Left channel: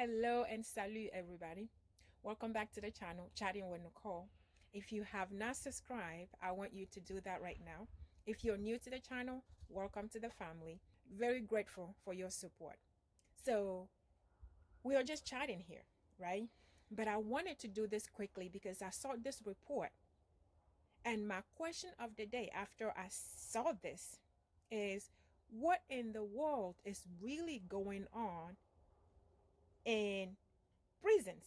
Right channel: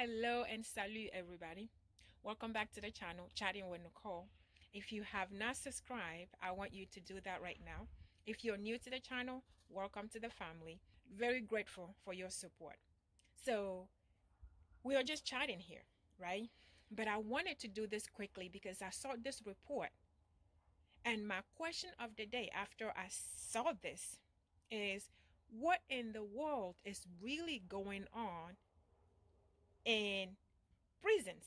Hello and salut everybody. Welcome back to the channel, Chatting with Nicole. If you have not subscribed, I want you to do that right now. If you're new to the channel, welcome to the family. Very grateful for your support. So we are just chatting here, right? But I wanted to do this quickly because I saw this report. And my question of the day after I saw this is, what in the world is really going on in prisons?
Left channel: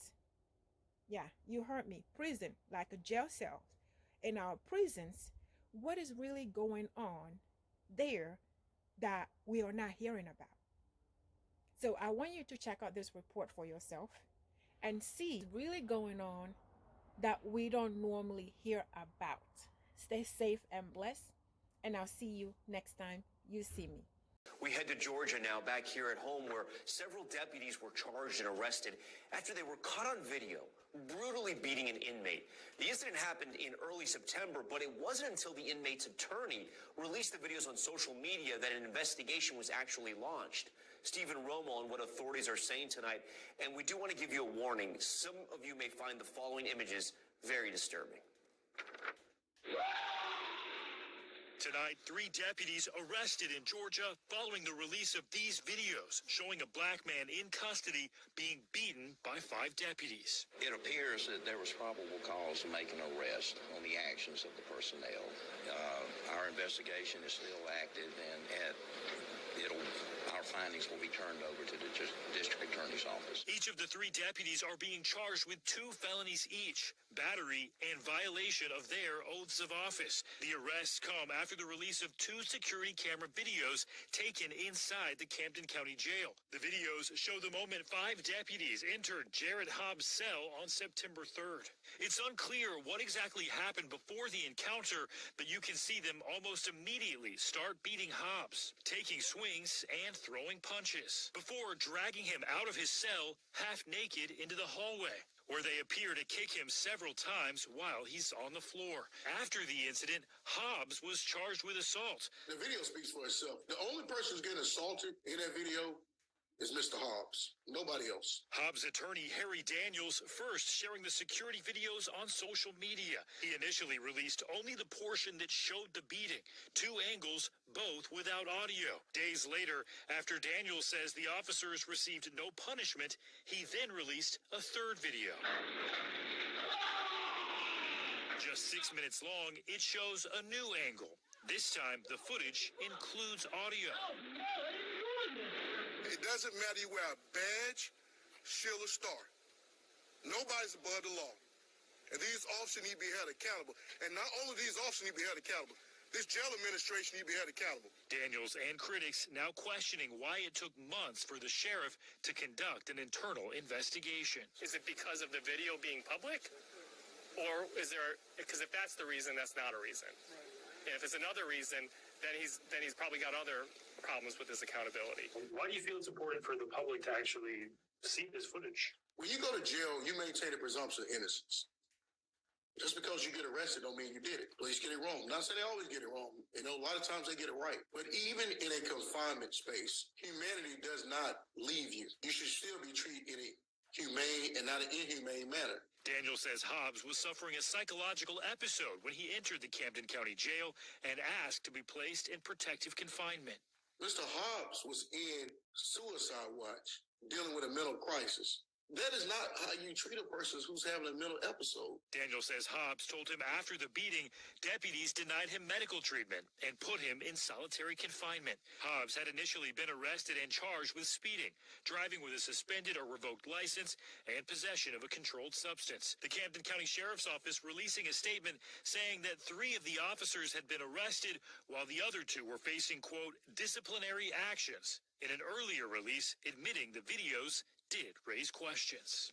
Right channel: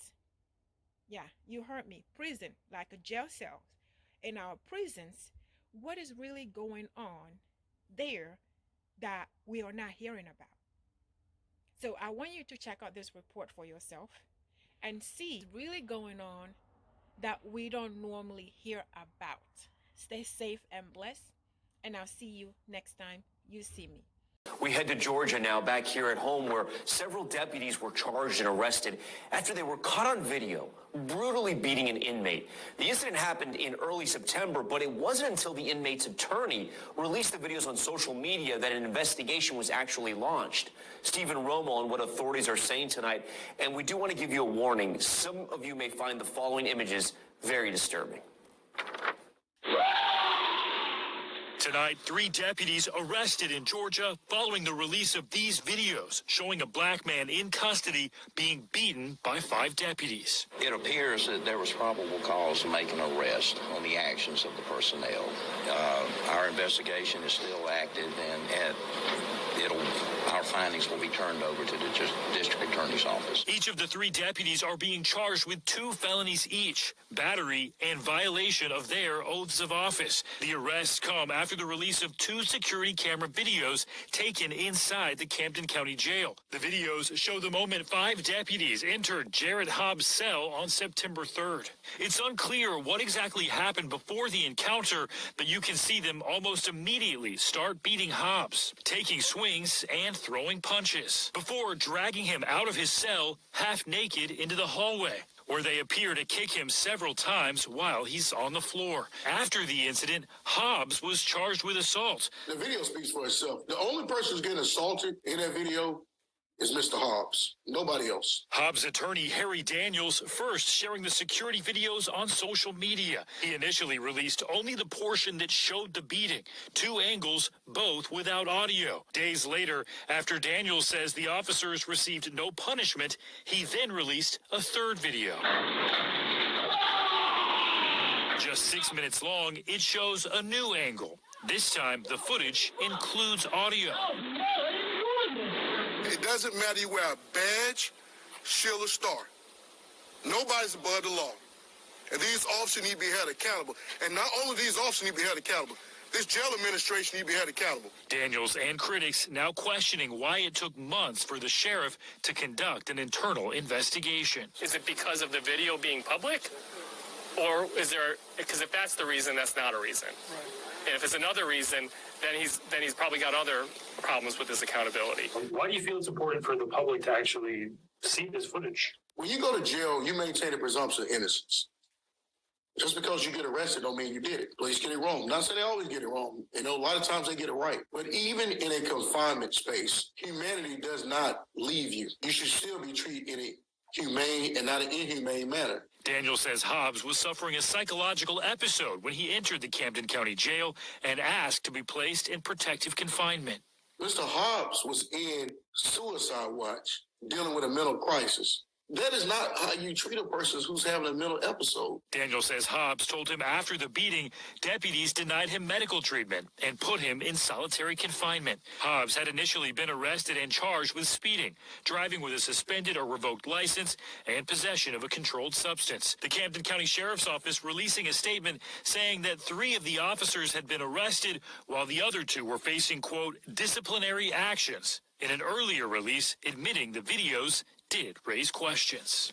Yeah, you heard me. Prison, like a jail cell. In our prisons, what is really going on there that we are not hearing about? So I want you to check out this report for yourself and see what's really going on that we don't normally hear about. Stay safe and blessed, and I'll see you next time you see me. We head to Georgia now, back here at home, where several deputies were charged and arrested after they were caught on video brutally beating an inmate. The incident happened in early September, but it wasn't until the inmate's attorney released the videos on social media that an investigation was actually launched. Stephen Romo on what authorities are saying tonight, and we do want to give you a warning. Some of you may find the following images very disturbing. Tonight, 3 deputies arrested in Georgia following the release of these videos showing a black man in custody being beaten by 5 deputies. It appears that there was probable cause to make an arrest on the actions of the personnel. Our investigation is still active, and our findings will be turned over to the district attorney's office. Each of the 3 deputies are being charged with 2 felonies each, battery and violation of their oaths of office. The arrests come after the release of 2 security camera videos taken inside the Camden County Jail. The videos show the moment 5 deputies entered Jared Hobbs' cell on September 3rd. It's unclear what exactly happened before the encounter, but you can see them almost immediately start beating Hobbs, taking swings and throwing punches, before dragging him out of his cell half naked into the hallway, where they appear to kick him several times while he's on the floor. After the incident, Hobbs was charged with assault. The video speaks for itself. The only person who's getting assaulted in that video is Mr. Hobbs. Nobody else. Hobbs' attorney Harry Daniels first sharing the security videos on social media. He initially released only the portion that showed the beating, 2 angles, both without audio. Days later, after Daniels says the officers received no punishment, he then released a 3rd video. Just 6 minutes long, it shows a new angle. This time, the footage includes audio. It doesn't matter you wear a badge, shield, or star. Nobody's above the law. And these officers need to be held accountable. And not only these officers need to be held accountable, this jail administration need to be held accountable. Daniels and critics now questioning why it took months for the sheriff to conduct an internal investigation. Is it because of the video being public? Or is there, because if that's the reason, that's not a reason. Right. And if it's another reason, then he's probably got other problems with his accountability. Why do you feel it's important for the public to actually see this footage? When you go to jail, you maintain a presumption of innocence. Just because you get arrested don't mean you did it. Police get it wrong. Not saying they always get it wrong. You know, a lot of times they get it right. But even in a confinement space, humanity does not leave you. You should still be treated in a humane and not an inhumane manner. Daniel says Hobbs was suffering a psychological episode when he entered the Camden County Jail and asked to be placed in protective confinement. Mr. Hobbs was in suicide watch, dealing with a mental crisis. That is not how you treat a person who's having a mental episode. Daniel says Hobbs told him after the beating, deputies denied him medical treatment and put him in solitary confinement. Hobbs had initially been arrested and charged with speeding, driving with a suspended or revoked license, and possession of a controlled substance. The Camden County Sheriff's Office releasing a statement saying that 3 of the officers had been arrested while the other 2 were facing, quote, disciplinary actions. In an earlier release, admitting the videos did raise questions.